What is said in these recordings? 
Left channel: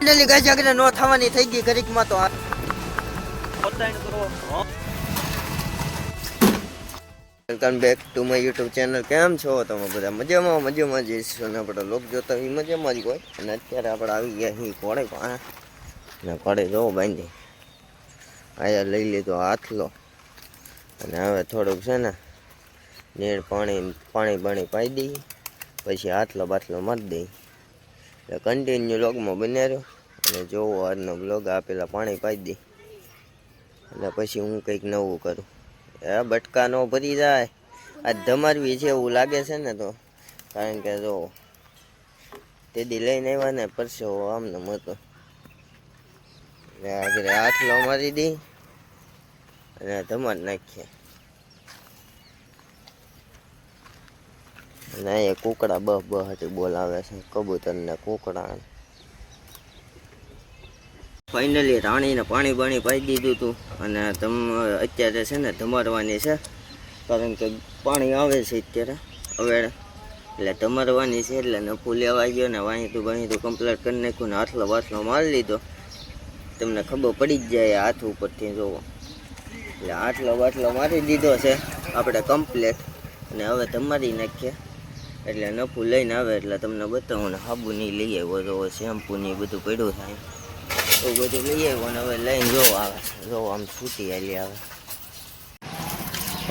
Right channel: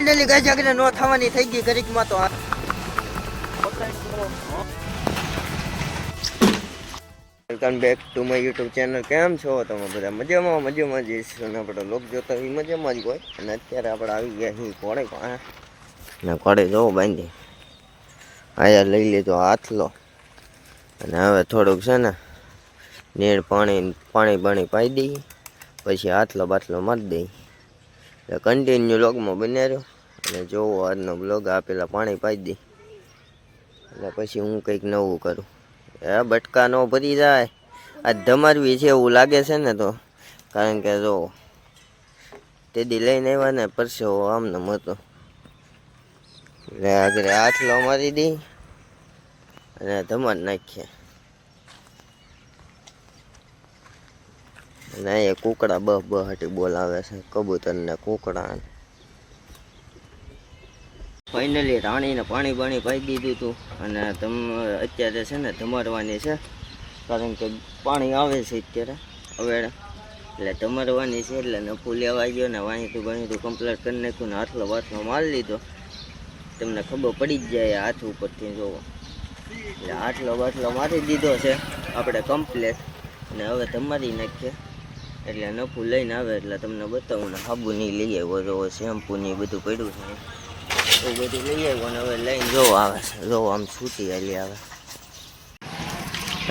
Finally guys આગળ નો થવાની થઈ ગઈ ઘડીકમાં તો welcome back to my YouTube channel. કેમ છો તમે બધા? મજામાં જઈશું અને આપણે લોક જોતા એ મજામાં જ હોય. અને અત્યારે આપણે આવી ગયા અહીં કોળે ને કોળે જોવો બાંધી આયા લઈ લીધો હાથલો અને હવે થોડુંક છે ને નીર પાણી પાઈ દઈએ પછી હાથલો બાટલો મારી દઈએ. કન્ટિન્યુ લોગમાં બને રહ્યો અને જોવો આજનો બ્લોગ. આપેલા પાણી પાઈ દઈ અને પછી હું કંઈક નવું કરું. બટકા નો ભરી જાય આ ધમારવી છે એવું લાગે છે ને તો, કારણ કે જો તે દી લઈને આવ્યા ને પરસેવો આમને હતો એટલે આગળ હાથલો મારી દઈ અને ધમાર નાખીએ. અને એ કુકડા બહાટી બોલાવે છે, કબૂતર ને કુકડા. ફાઇનલી રાણીને પાણી પાઈ દીધું હતું અને અત્યારે છે ને ધમારવાની છે, કારણ કે પાણી આવે છે અત્યારે હવે એટલે ધમારવાની છે. એટલે નફું લેવા ગયો ને વાણીતું કમ્પ્લીટ કરી નાખ્યું ને હાથલો બાથલો મારી લીધો. તમને ખબર પડી જ જાય હાથ ઉપરથી જોવો. એટલે હાથલો બાટલો મારી દીધો છે આપણે કમ્પ્લીટ અને હવે ધમારી નાખીએ. એટલે નફું લઈને આવે એટલે તમને બતાવું ને. સાબુની લઈ આવ્યો જો, શેમ્પૂની બધું પડ્યું થાય એવું બધું લઈ આવ્યો ને હવે લઈને જોવો આવે છે. જોવો આમ છૂટી હાલી આવે.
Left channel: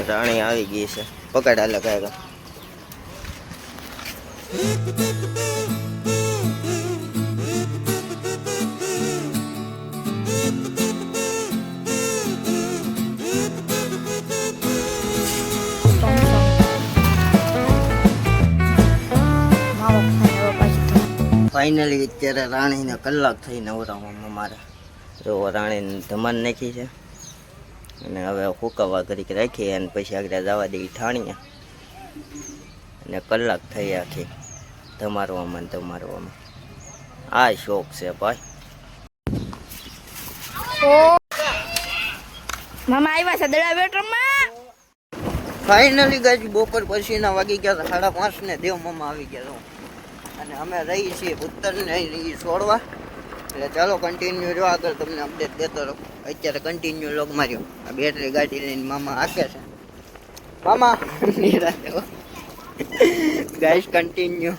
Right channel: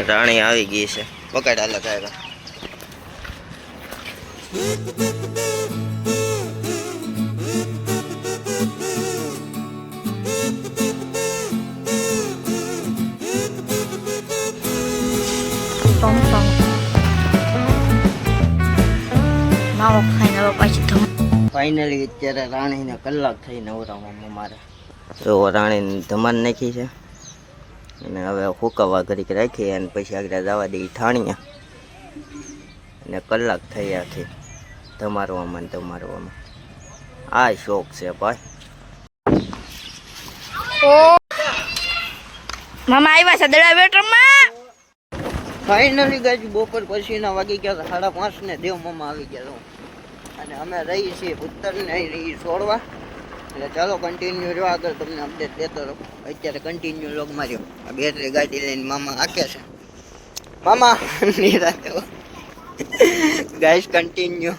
રાણી આવી ગઈ છે, પકડ હાલે કાંઈ ફાઇનલી અત્યારે રાણીને કલાક થઈ નવરાવામાં મારે. તો રાણીને ધમાર નાખી છે અને હવે હુકાવા ઘડીક રાખી અને પછી આગળ જવા દઈ ઠાણીએ. અને કલાક થઈ આખી ધમારવામાં. આ શોખ છે ભાઈ. મામા આવ્યા છે દડા બેટરમાં. ફાઇનલી ગાજી બપોર પછીના વાગી ગયા 5:30 ને દેવ મામા આવી ગયા અને અમે રહી છીએ ઉત્તરને છોડવા. એટલે ચાલો કન્ટિન્યુ રહ્યો, આગળ તમને અપડેટ દેતો રહો. અત્યારે કન્ટિન્યુ લોગમાં રહ્યો. આ બેટરી ગાડી લઈને મામા હાકે છે. મામા નિરાતે ગાઈસ કન્ટિન્યુ.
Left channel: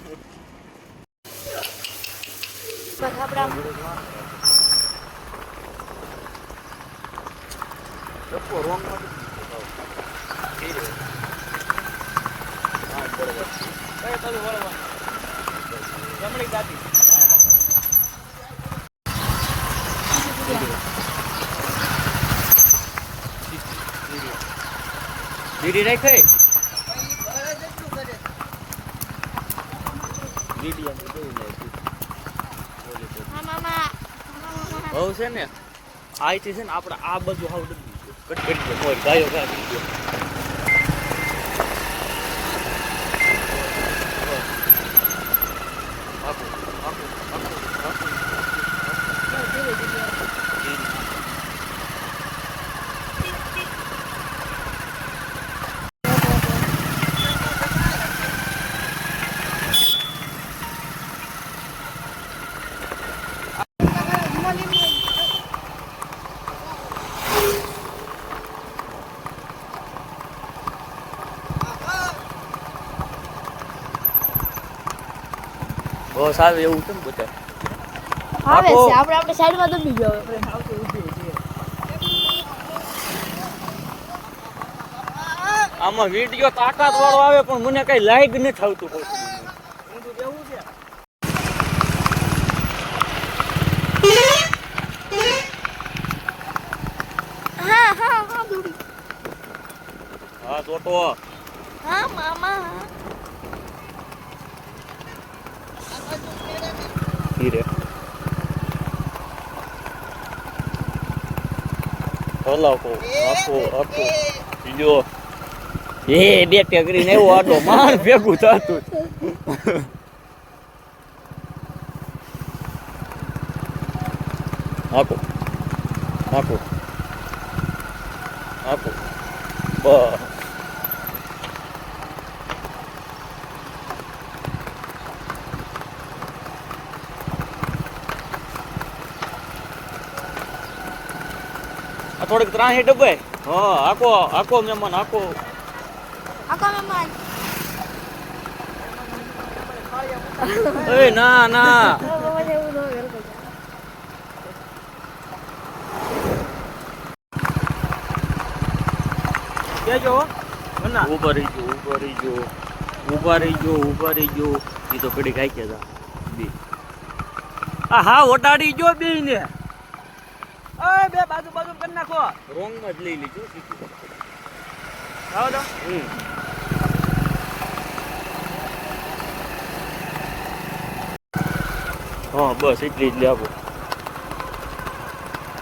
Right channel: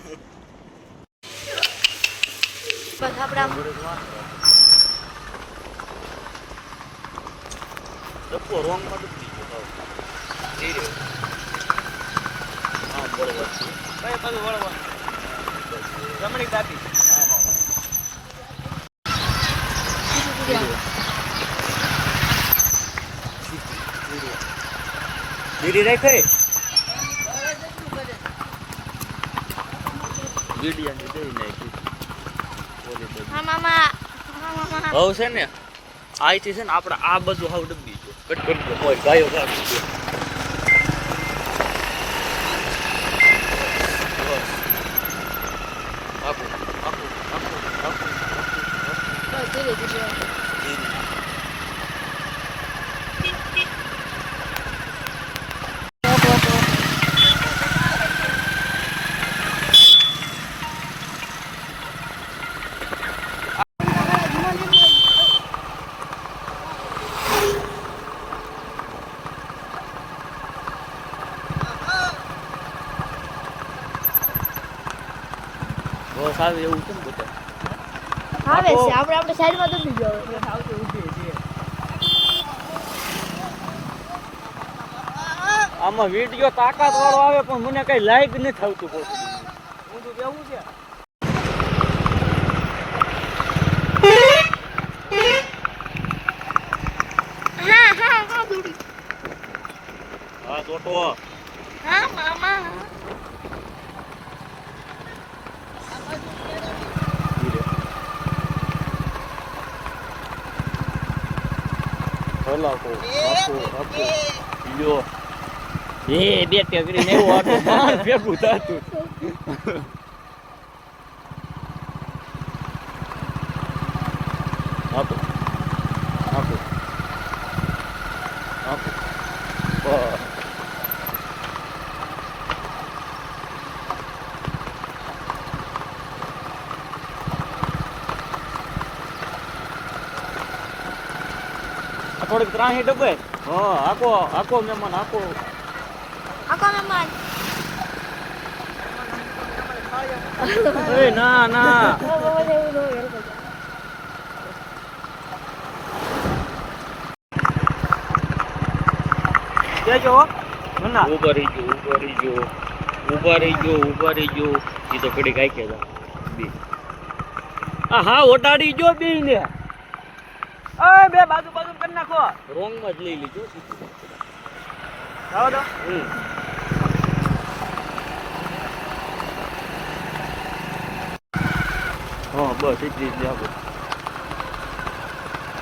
બીડી રાખે હવે છે ને આથી છે ને આપણે આ બધું હાવ ડબ્બી છે કટ ગાયો બસ આવે એવું કેમ બતા આવે છે આપણે સાઈડમાં દબી ગયો આવતો ઊભી છે. આમાં વિડિયો તાકાત વાળો આવે પણ મને કઈ લાઈક નથી આવતું. હું તો કેવું છે હા દોડી હા ગોટો હા મામા ધીરે હલાવો આપો બીજો એ બે ટેકરી ને એવો આટો માર ભેગું થાતું. આપો આપો આપો થોડીક ત્રાહી ડબે હા આખો મહેમાન આખો આખો મહેમાન એ ના બાબા જેવું નો વેલ કરતો દેજો ઉભા રહી ગયો એ તો કડી કાઈ કે બે હા ઓટાડી જો બે ને બે બાજુ કરી નાખો રોંગ માં જ લઈ લીધું આવો તો હા બસ એટલી જ લેવો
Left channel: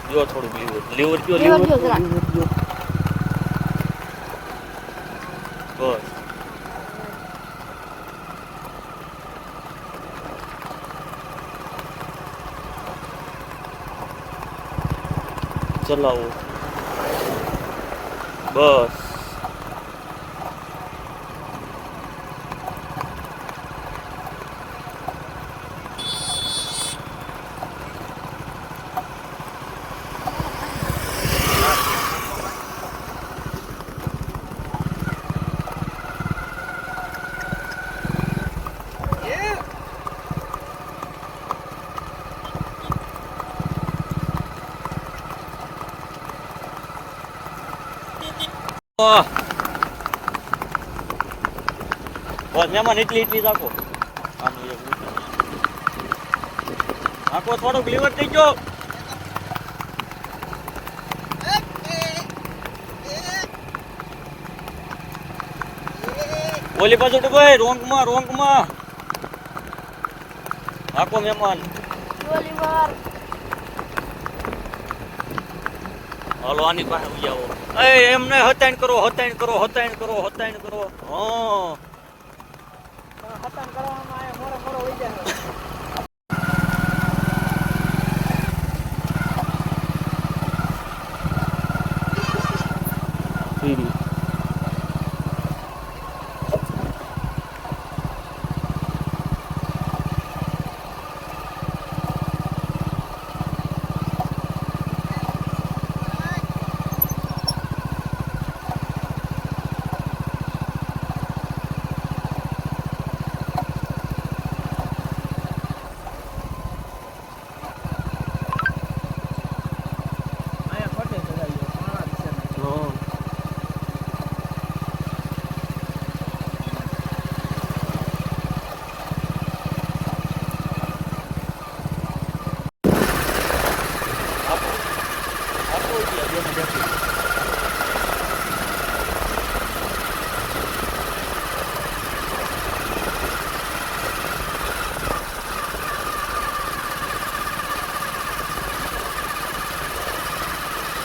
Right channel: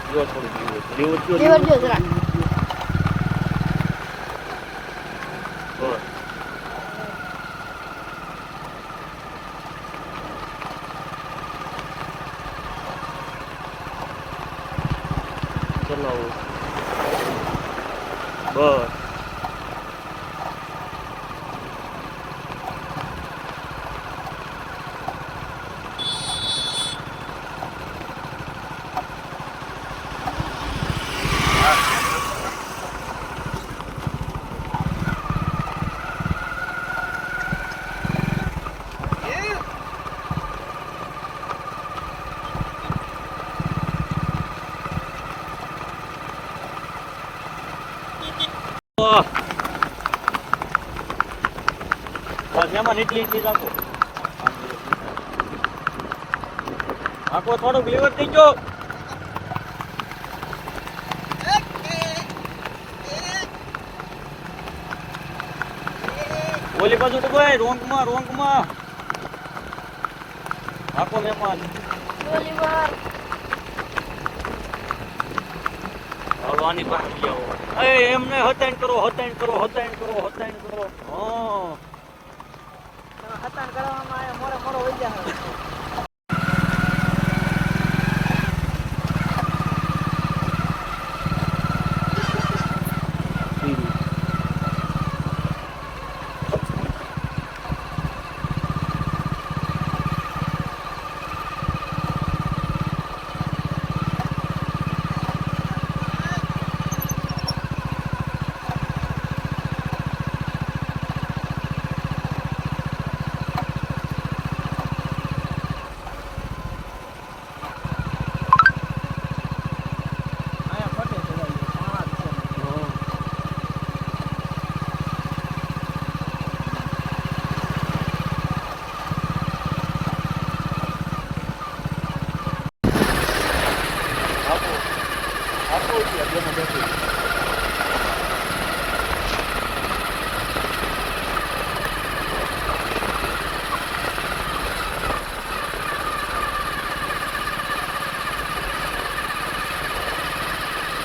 જો થોડું લીવર જો જરા બસ ચલાવો બસ બસ એમાં એટલી રાખો આખો થોડોક લીવર થઈ ગયો ઓલી પાછું તો ભાઈ રોંગમાં આખો મહેમાન ગોલીબાર હલવાની બહાર જાઓ એમને હતાણ કરો હા હતાણ કરવામાં આવે મોડો હોઈ જાય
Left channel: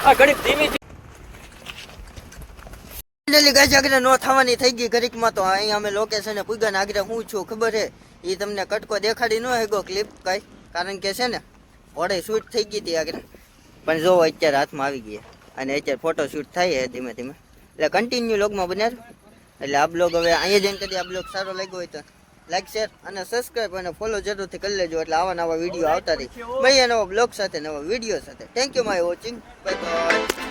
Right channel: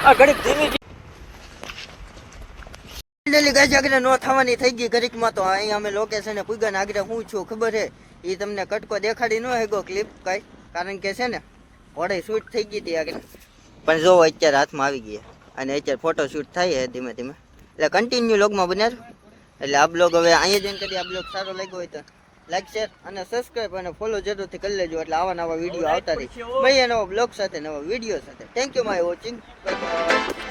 આ ઘડી ધીમે ફાઇનલી ગાઈસ આગળ નો થવાની થઈ ગઈ ઘડીકમાં તો અહીં અમે લોકેશને પૂગ્યા આગળ હું છું ખબર છે એ તમને કટકો દેખાડી ન હેગો ક્લિપ કઈ કારણ કે છે ને ઘોડે શૂટ થઈ ગઈ હતી આગળ પણ જો અત્યારે હાથમાં આવી ગઈ અને અત્યારે ફોટો શૂટ થાય છે ધીમે ધીમે એટલે કન્ટિન્યુ લોગમાં બનાર એટલે આ બ્લોગ હવે અહીંયા જઈને કરી આ બ્લોગ સારો લાગ્યો હોય તો લાઈક શેર અને સબસ્ક્રાઈબ અને ફોલો જરૂરથી કરી લેજો એટલે આવા નવા વિડીયો આવતા રહી મળીએ નવા બ્લોગ સાથે નવા વિડીયો સાથે thank you my watching bye bye